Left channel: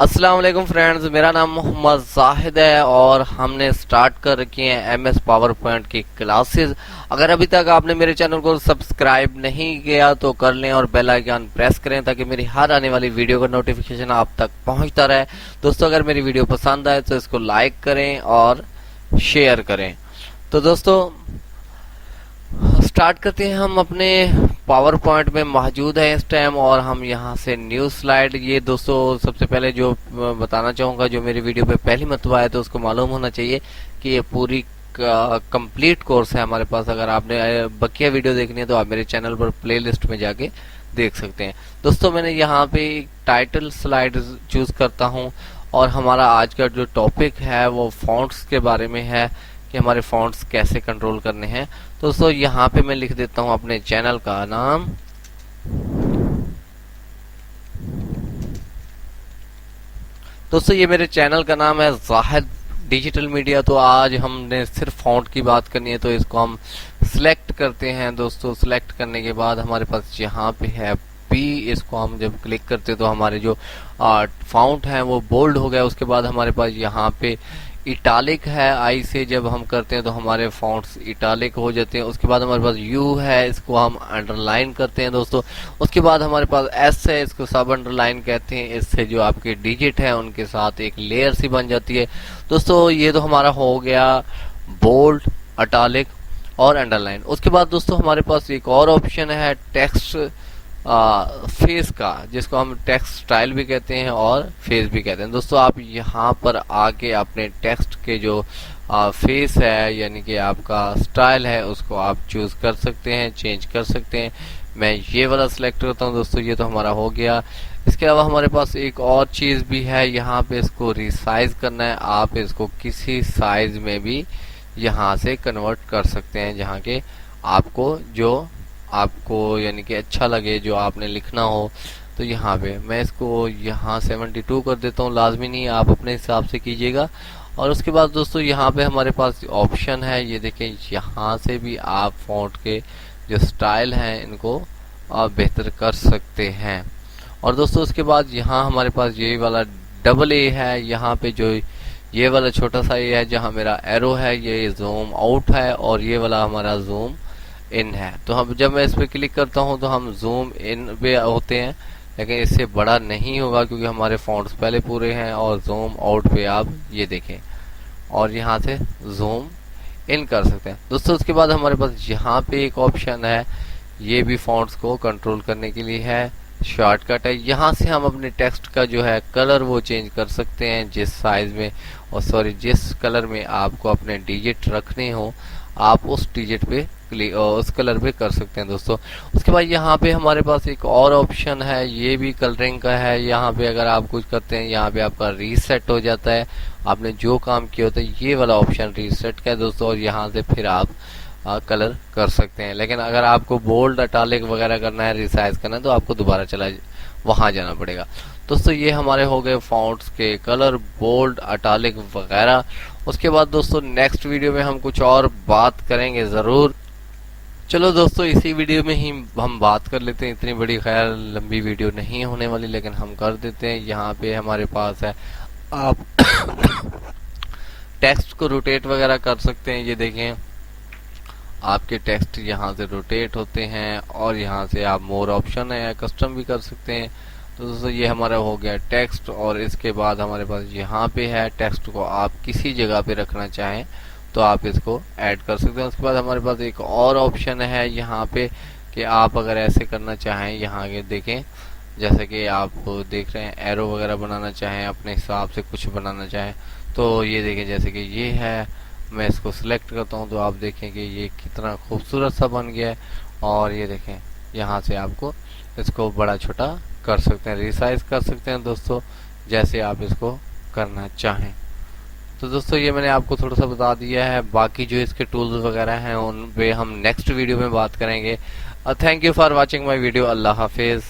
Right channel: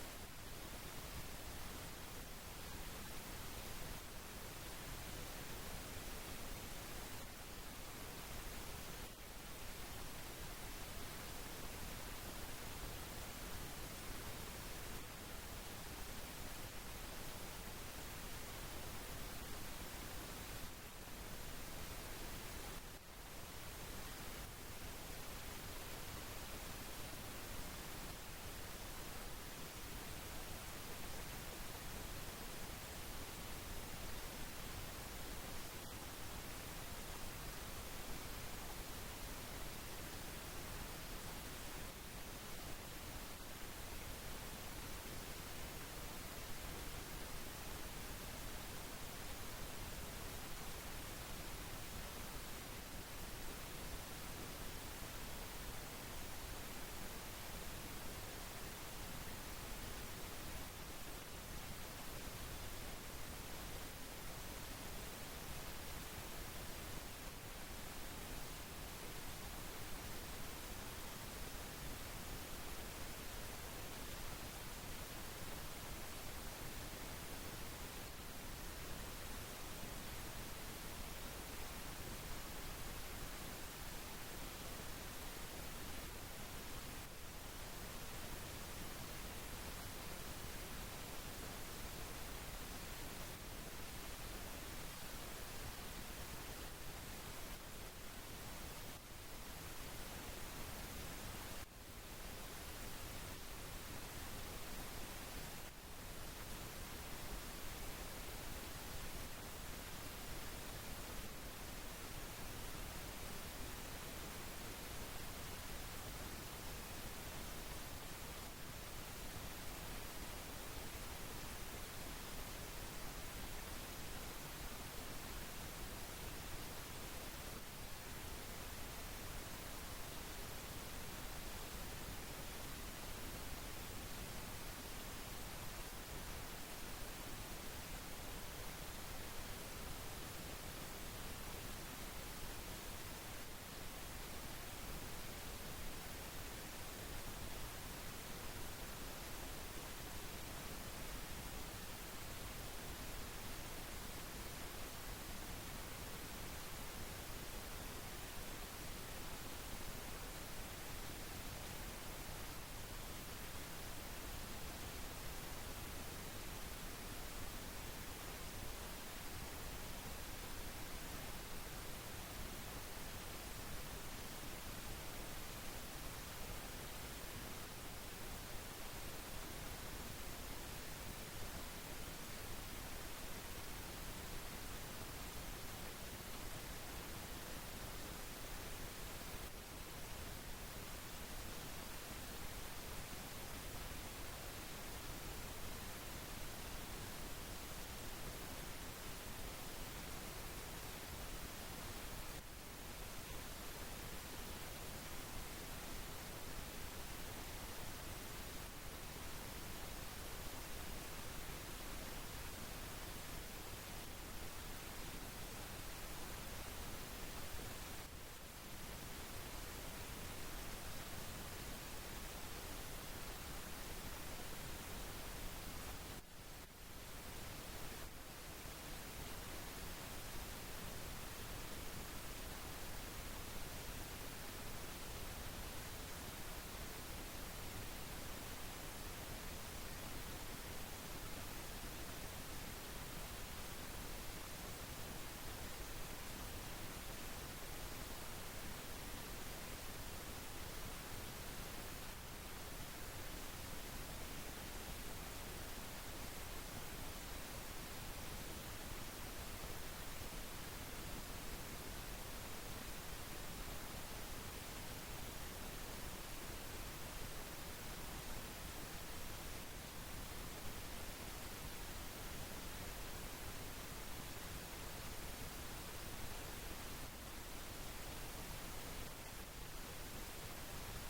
अस्सलाम वालेकुम फ्रेंड्स, मेरा नाम मोहम्मद जाहिद है और हमने स्टार्ट कर रखी हैं एमएस पावर पॉइंट की क्लासेस। अगर अभी तक आपने मेरे चैनल को सब्सक्राइब नहीं किया तो कर लें और बेल आइकन प्रेस करें ताकि मेरी हर आने वाली वीडियो का नोटिफिकेशन आप तक पहुंचता रहे। दोस्तों, अगर मेरी वीडियो पसंद आए तो इसको लाइक करें और शेयर करें। तो दोस्तों, स्टार्ट करते हैं। हम अपने पावर पॉइंट में मौजूद है इस टाइम और हम यहाँ से न्यू स्लाइड, ये दोस्तों सबसे पहले जो बताना चाहूँगा, जो मेरी वीडियो पे पहली मरतबा है तो उसको मालूम होना चाहिए कि ये पूरी कंप्लीट कोर्स है हमारे पास। अगर आपने बकिया वीडियो देखनी है तो आप मेरे चैनल पर प्लेलिस्ट में जाके देख सकते हैं। दोस्तों, मैंने यहाँ पे टाइटल स्लाइड चूज करता हूँ और हमारा आज का जो टॉपिक है वो फॉन्ट्स के बारे में है कि हमारे फॉन्ट्स कैसे कंट्रोल करने हैं। तो दोस्तों, यहाँ पे मैं लिख देता हूँ अपने चैनल का नाम। दोस्तों, ये मेरे चैनल का नाम है जाहिद डिजिटल मीडिया। तो आज हमने सिर्फ फॉन्ट की बात करनी है तो इसको हम सिलेक्ट करते हैं। दोस्तों, सिलेक्ट करने के बाद हमारे पास यहाँ पे है बी। इसको हम जब क्लिक करते हैं तो हमारे जो फॉन्ट है वो बोल्ड हो गया। उसके बाद हमारे पास यहाँ पे इटालिक है, आई से जब हम करते हैं तो हमारे फॉन्ट्स इटालिक हो जाते हैं। उसके बाद हमारे पास यू है, इसको हम अंडरलाइन करते हैं दोस्तों। उसके बाद हमारे पास एस है, इसको सब अंडरलाइन कहते हैं। इससे जो आपके डिजिट है उनके साथ एक लेयर सी बन जाती है। दोस्तों, ये तो हमारा हो गया बोल्ड, इटालिक और अंडरलाइन। उसके बाद दोस्तों हमारे पास एक और ऑप्शन है टेक्स्ट फेस का, जिसको हम टेक्स्ट स्टाइल भी कहते हैं और फेस भी कहते हैं। दोस्तों, आप यहाँ पर आके अपने टेक्स्ट के जो फेस है यानी कि आपका स्टाइल है उसको आप चूज कर सकते हैं, चेंज कर सकते हैं। मैं ये वाला सिलेक्ट करता हूँ। दोस्तों, ये तो हमारा हो गया। इसके अलावा हमारे पास एक और चीज भी है, यहाँ पे इसको रिसाइज करना है। आप इसको किसी साइज में भी यहाँ से कन्वर्ट कर सकते हैं, जहाँ के आपको यानी कि अच्छा लगे, जो आपने लिखना हो। तो यहाँ पे मैं इसको यहाँ 72 कर देता हूँ। लाजमी नहीं, आप अपने हिसाब से कीजिएगा। और उसके बाद दोस्तों यहाँ पे हमारे पास ऑप्शन है, ये देखें, यहाँ से भी आप फॉन्ट के जो स्टाइल हैं इनको आप बेहतर कर सकते हैं। और दोस्तों उसके बाद यहाँ हमारे पास ये वाला डबल ए है, यहाँ पे जो ये वाला छोटा सा ये है जहाँ मेरा एरो है, ये जूम आउट है और ये वाला हमारा जूम इन है। तो हम जब मैं इस पे क्लिक करता हूँ तो हम जूम इन पे होते हैं, लेकिन इससे बड़ा नहीं होगा क्योंकि हमारे फॉन्ट्स पहले पूरे हैं। और जूम आउट पे आप ये देखें और यहाँ से जूम इन कर सकते हैं। दोस्तों, उसके बाद हमारे पास यहाँ पे एक ऑप्शन है, ये भी फॉन्ट्स को कंट्रोल करने के लिए है, शॉर्टकट है। यहाँ से हम अपने टेक्स्ट का जो है कलर वो चेंज कर सकते हैं, जिस साइज में और जिस कलर में आपको अपने डिजिट रखने हो आप उस डिजिट पे उस कलर पे कर सकते हैं दोस्तों। उसके बाद यहाँ पे हमारे पास एक और ऑप्शन है, ये भी कलरिंग का है। यहाँ पे अगर आप कुछ करते हैं यहाँ पे आपका रीसेट हो जाता है, आपने जो काम किया होता है, ये वाला ऑप्शन रीसेट का है दोस्तों। और यहाँ से फिर आप कलर कर सकते हैं। लेकिन अगर आपको बोल्ड, इटालिक वगैरह करना है, रिसाइज करना है, तो आपको दोबारा वहां जाना पड़ेगा। दोस्तों, ये हमारे हो गए फॉन्ट्स के कलर, बोल्ड, इटालिक वगैरह। उसके बाद दोस्तों नेक्स्ट वीडियो में हम कुछ और बात करेंगे जरूर। चलो दोस्तों, इसी वीडियो में ही हम बात कर लेते हैं। इतनी बड़ी खैर लंबी वीडियो नहीं होने वाली, लेकिन हम कर देते हैं। यहाँ पे हमारे पास है, आप टेक्स्ट को रोटेट वगैरह कर सकते हैं। ये देखें, आपके टेक्स्ट यहाँ से रोटेट होते हैं और यहाँ से आप मोर ऑप्शन है, कस्टम भी कर सकते हैं। तो दोस्तों, ये हमारा हो गया टेक्स्ट। और इसके बाद हमारे पास यहाँ पे है, टेक्स्ट को आप किसी जगह पे रखना चाहें तो आप इसको ऐड कर सकते हैं। उसके बाद हमारे पास एक और ऑप्शन है यहाँ पे कि आप अगर ऐसे करना चाहें, यहाँ के देखें, जैसे कि आप देख रहे हैं एरो वगैरह बनाना चाहें, अपने हिसाब से कुछ बनाना चाहें, तो ये देखें, जैसे कि ये है, मैं इसको सिलेक्ट करता हूँ तो आप देखें कि ये कितना खूबसूरत सा बन गया है। और ये देखें, यहाँ से आपको इसको बड़ा छोटा कर सकते हैं, रिसाइज कर सकते हैं दोस्तों, जैसे आप इसको करना चाहें। तो दोस्तों, ये मैंने आपको थोड़ा सा बता दिया है। बाकी जो इसके टूल्स वगैरह हैं उन पे हम नेक्स्ट वीडियो में बात करेंगे। Thank you for watching my video. Allah हाफिज़।